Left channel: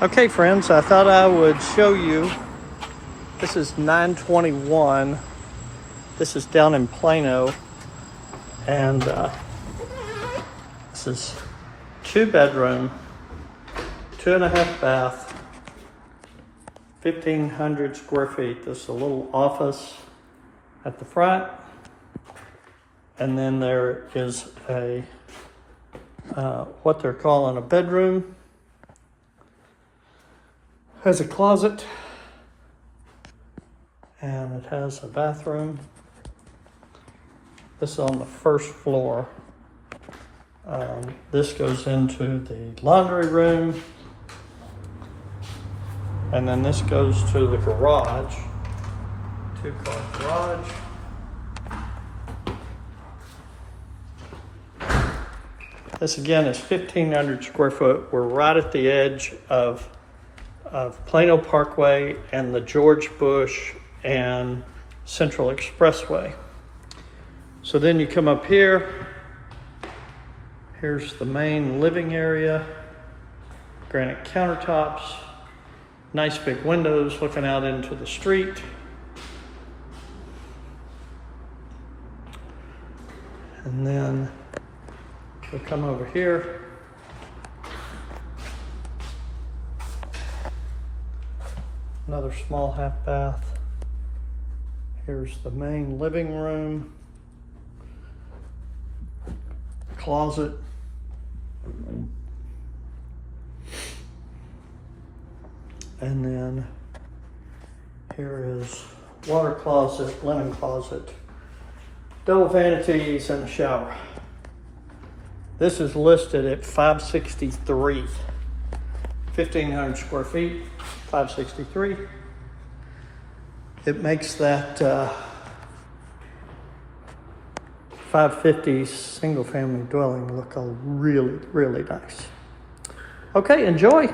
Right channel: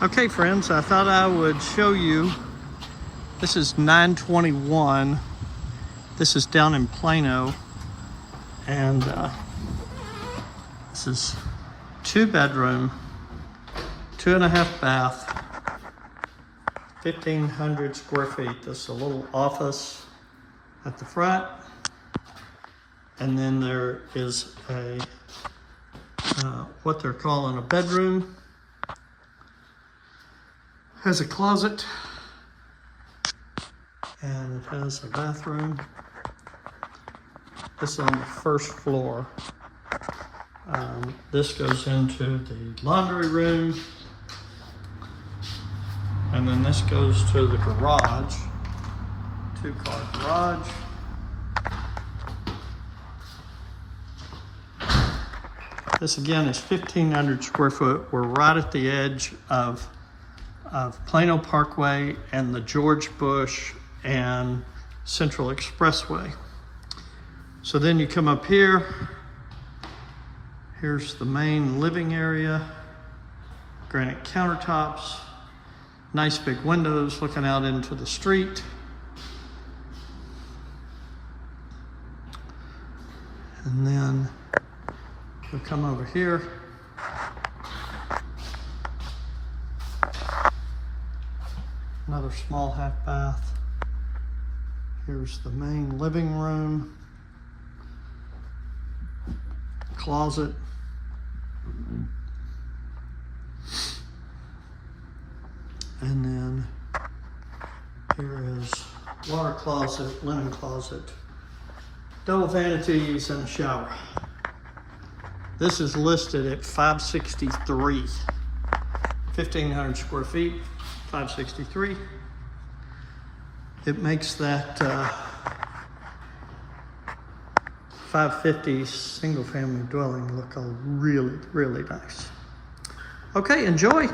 Okay, friends, I thought I would show you. This is 921. This is down in Plano. And this is 2-bedroom, 2.5 bath, 1,500 square feet. This is a little office at the front. And then there is a, what they're calling a bedroom. Has a closet, and it has a bathroom. This is on the first floor. This goes into the laundry room, and then this goes to the garage, 2-car garage. This again is 1,500 square foot. We're right at the edge of Plano Parkway and the George Bush and Central Expressway. So then you come up here. Here's the main living area, granite countertops, nice big windows looking out into the street. And then we come over here. Another small half bath. Here's the main living room, closet, and then here is water closet, linen closet, double vanities, and a shower. This is listed at $563, 1,500 square feet. 563. It makes that 550 single family dwelling look really, really nice. Okay, enjoy.